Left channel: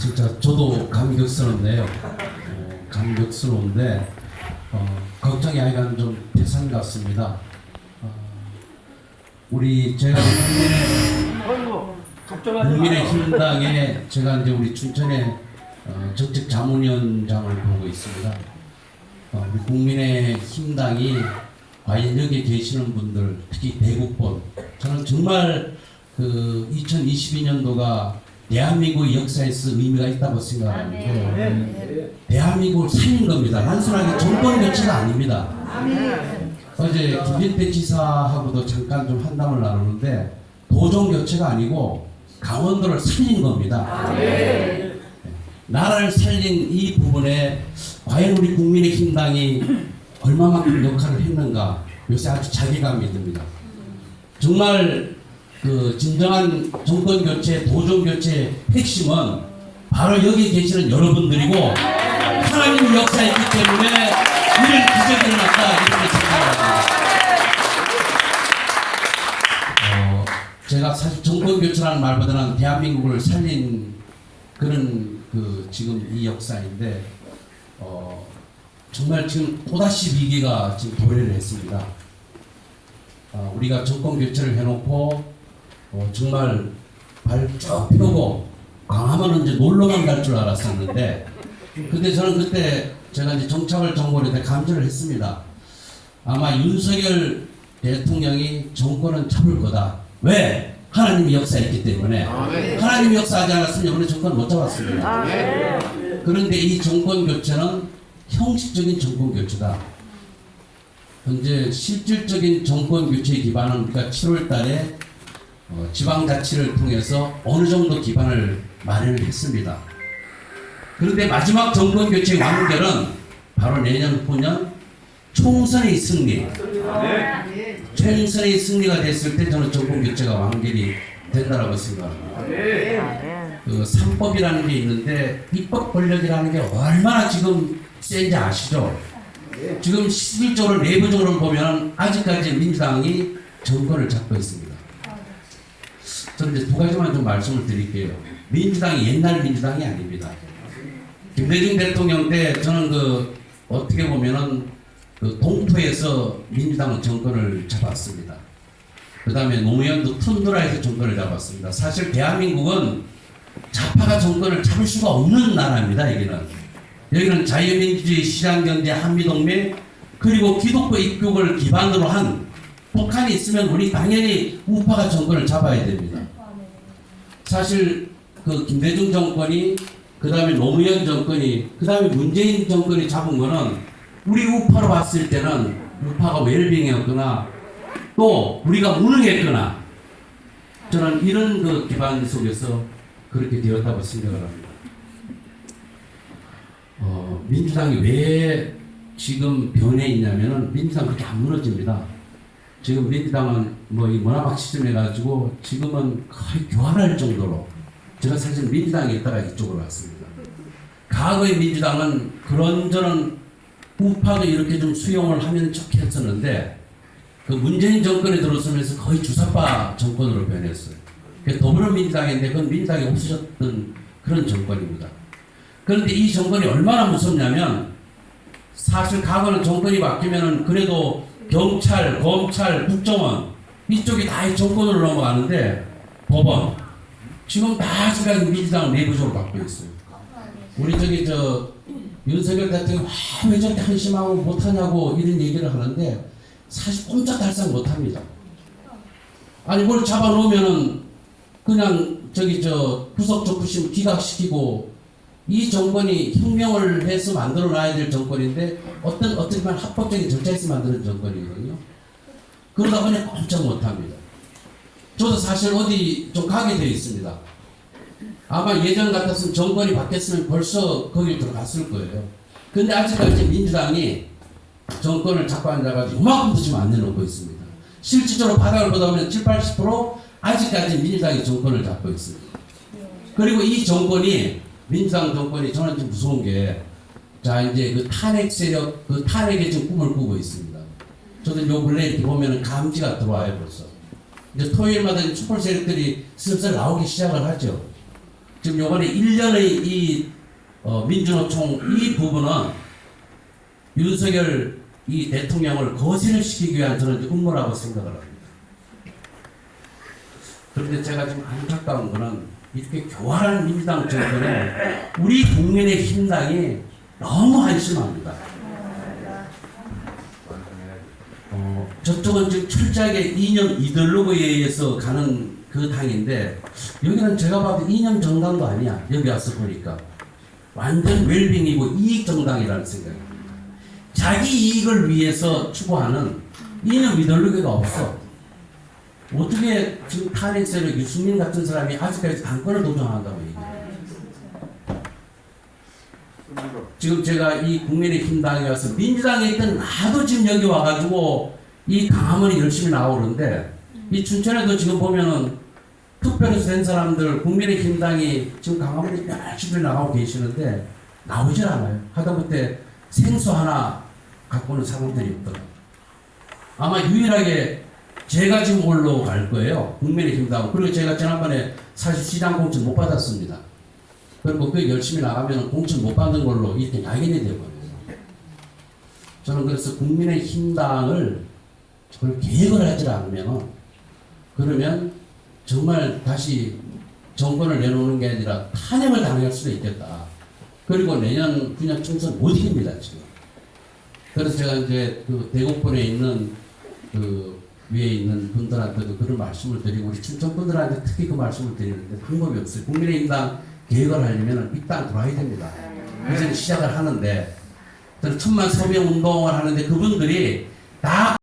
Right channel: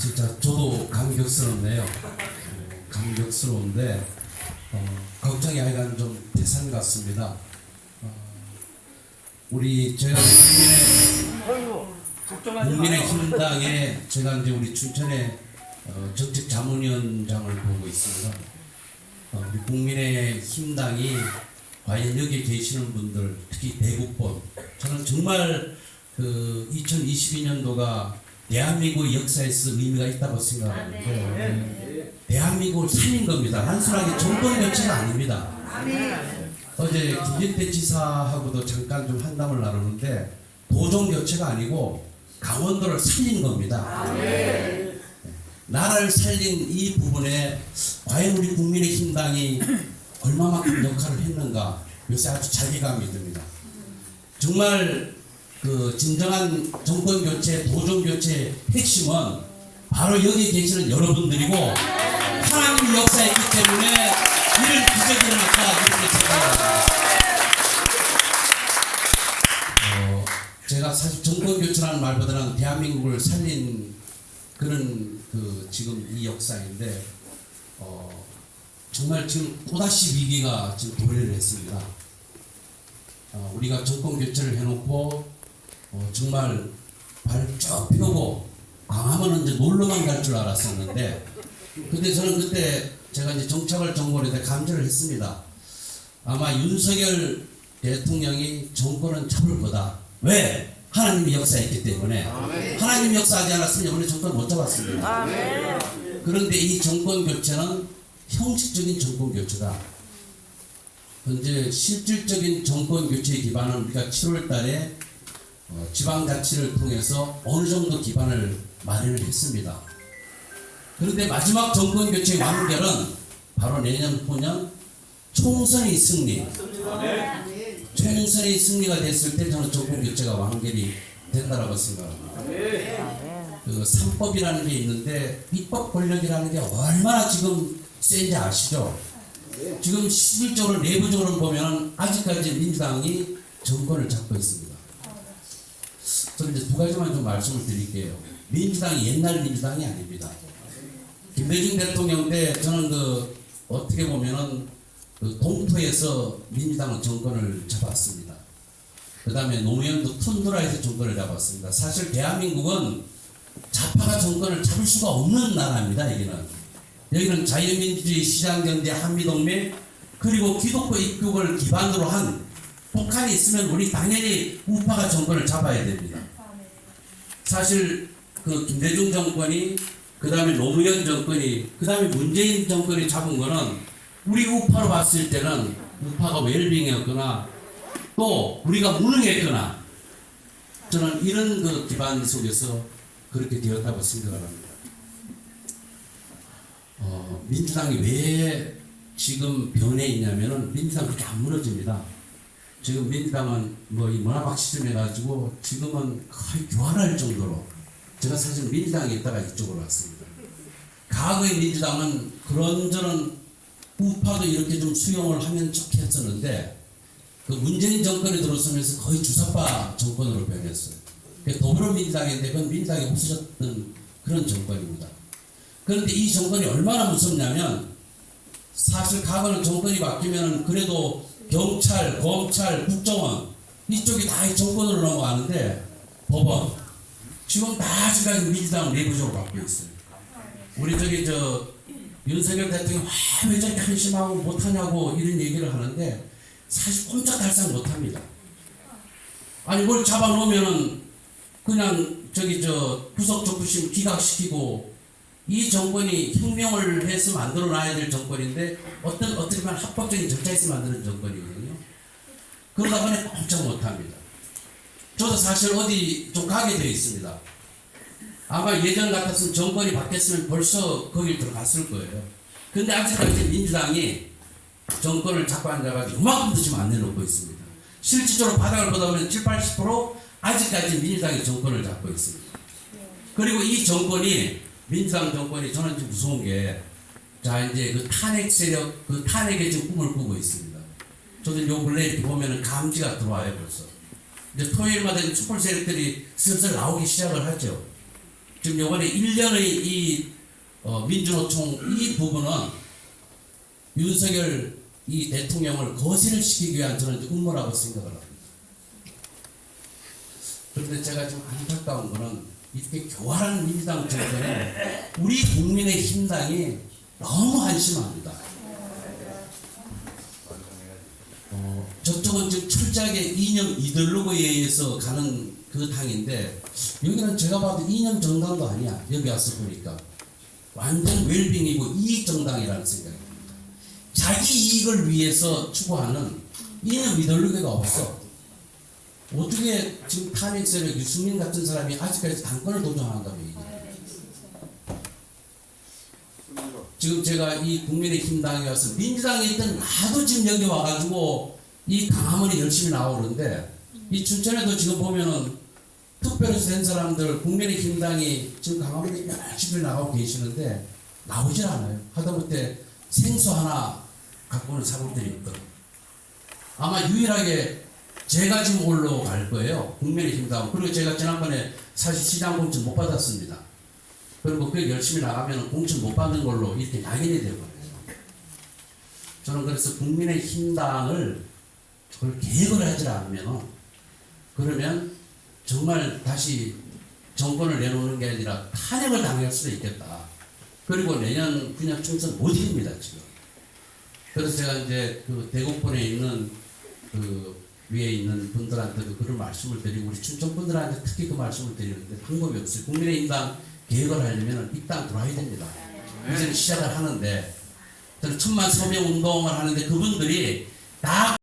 진짜 저도 감격스럽네요. 감격스러운데 걱정이 아니라 좀 대상 같습니다. 우리 제가 국민의힘당에 제가 이제 우리 춘천의 정책 자문위원장을 보고 있습니다. 우리 국민의힘당이 과연 여기에 계시는 분들, 특히 대국본, 저는 정말 그 2022년도가 대한민국 역사에서 의미가 있다고 생각합니다. 대한민국을 살린 겁니다. 단순하게 정권 교체가 아닙니다. 어제 김진태 지사하고도 잠깐 좀 한담을 나누는데 도정 교체가 아니고 강원도를 살린 겁니다. 나라를 살린 이 부분에 과연 우리 국민의힘당이 얼마만큼 역할을 했는가 요새 아주 자괴감이 듭니다. 정말 그 진정한 정권 교체, 도정 교체의 핵심은 바로 여기 계시는 여러분들이고 하나님 역사에 있기 때문에 이런 기적이 일어났다 이렇게 생각합니다. 제가 사실 정권 교체라는 말보다는 대한민국을 살린 그런 그 지금 이 역사인데 정말 지금 또다시 위기가 지금 도래를 했습니다. 우리가 정권 교체를 해놓고 정말 발 쭉 펴고 강하면 이제 놀러만 갈 줄 알았었는데 근데 저는 그때 제가 이제 정착을 정권에 대해 감지를 했습니다. 아마 윤석열 대통령이 정권은 잡을 거다. 왜? 하나님이 역사했기 때문에. 하나님이 역사하지 않았으면 우리 정권 못 잡았습니다. 그런데 이 정권 교체는 형식적인 정권 교체다. 현재 실질적인 정권 교체 기반은 우리가 7월 달에 지방자치를 통해서 어느 정도 기반을 마련을 했습니다. 그런데 마지막 정권 교체의 완결은 바로 내년 후년 총선의 승리. 총선의 승리가 됐을 때 저는 정권 교체가 완결이 된다라고 생각합니다. 그 3법이라는 게 있는데 입법 권력이라는 게 얼마나 지금 센지 아시죠? 지금 실질적으로 내부적으로 보면 아직까지 민주당이 정권을 잡고 있습니다. 저는 이제 두 가지만 좀 말씀을 드릴게요. 민주당이 옛날 민주당이 아닙니다. 김대중 대통령 때 저는 그 어떻게 보면은 그 동토에서 민주당은 정권을 잡았습니다. 그 다음에 노무현도 툰드라에서 정권을 잡았습니다. 사실 대한민국은 좌파가 정권을 잡을 수가 없는 나라입니다. 여기는 자유민주주의, 시장경제, 한미동맹 그리고 기독교 입국을 기반으로 한 북한이 있으면 우리 당연히 우파가 정권을 잡아야 됩니다. 사실 그 김대중 정권이 그 다음에 노무현 정권이 그 다음에 문재인 정권이 잡은 거는 우리 우파로 봤을 때는 우파가 웰빙이었거나 또 우리가 무능했거나 저는 이런 그 기반 속에서 그렇게 되었다고 생각을 합니다. 민주당이 왜 지금 변해 있냐면은 민주당이 그렇게 안 무너집니다. 지금 민주당은 뭐 이 문화박시즘 해가지고 지금은 거의 교환할 정도로 제가 사실 민주당에 있다가 이쪽으로 왔습니다. 과거의 민주당은 그런저런 우파도 이렇게 좀 수용을 하면 좋겠었는데 그 문재인 정권이 들어서면서 거의 주사파 정권으로 변했어요. 더불어민주당인데 그건 민주당이 없으셨던 그런 정권입니다. 그런데 이 정권이 얼마나 무섭냐면 사실 과거는 정권이 바뀌면은 그래도 경찰, 검찰, 국정원 이쪽이 다 이 정권으로 넘어가는데 법원 지금 다 아직까지 민주당 내부적으로 바뀌고 있어요. 우리 저기 윤석열 대통령이 왜 저렇게 한심하고 못하냐고 이런 얘기를 하는데 사실 꼼짝달싹 못합니다. 아니 뭘 잡아놓으면은 그냥 구속 적부심 기각시키고 이 정권이 혁명을 해서 만들어놔야 될 정권인데 어떻게 보면 합법적인 절차에서 만드는 정권이거든요. 그러다 보니 꼼짝 못합니다. 저도 사실 어디 좀 가게 되어 있습니다. 아마 예전 같았으면 정권이 바뀌었으면 벌써 거길 들어갔을 거예요. 근데 아직까지 민주당이 정권을 잡고 앉아가지고 이만큼도 지금 안 내놓고 있습니다. 실질적으로 바닥을 보다 보면 70-80% 아직까지 민주당이 정권을 잡고 있습니다. 그리고 이 정권이 민주당 정권이 저는 좀 무서운 게 자, 이제 그 탄핵 세력, 그 탄핵의 지금 꿈을 꾸고 있습니다. 저도 요 근래 이렇게 보면은 감지가 들어와요, 벌써. 이제 토요일마다 촛불 세력들이 슬슬 나오기 시작을 하죠. 지금 요번에 1년의 이 민주노총 이 부분은 윤석열 이 대통령을 거신을 시키기 위한 저는 음모라고 생각을 합니다. 그런데 제가 지금 안타까운 거는 이렇게 교활한 민주당 정권에 우리 국민의 힘당이 너무 한심합니다. 저쪽은 지금 철저하게 이념 이데올로기에 의해서 가는 그 당인데 여기는 제가 봐도 이념 정당도 아니야. 여기 와서 보니까 완전 웰빙이고 이익 정당이라는 생각입니다. 자기 이익을 위해서 추구하는 이념 이데올로기가 없어. 어떻게 지금 탄핵 세력 유승민 같은 사람이 아직까지 당권을 도전한다고 얘기해요. 지금 제가 이 국민의힘당에 와서 민주당에 있던 나도 지금 여기 와가지고 이 강화문이 열심히 나오는데 이 춘천에도 지금 보면은 특별히 된 사람들 국민의힘당이 지금 강화문에 열심히 나가고 계시는데 나오질 않아요. 하다못해 생수 하나 갖고는 사람들이 있거든. 아마 유일하게 제가 지금 올라갈 거예요. 국민의힘당. 그리고 제가 지난번에 사실 시장 공천 못 받았습니다. 그리고 그 열심히 나가면 공천 못 받는 걸로 이렇게 낙인이 되어버려요. 저는 그래서 국민의힘당을 그걸 계획을 하지 않으면 그러면 정말 다시 정권을 내놓는 게 아니라 탄핵을 당할 수도 있겠다. 그리고 내년 9년 총선 못 이깁니다, 지금. 그래서 제가 이제 그 대구권에 있는 그 위에 있는 분들한테도 그런 말씀을 드리고 우리 춘천 분들한테 특히 그 말씀을 드리는데 방법이 없어요. 국민의힘당 계획을 하려면 이 땅 들어와야 됩니다. 이제는 시작을 하는데 저는 천만 서명 운동을 하는데 그분들이 다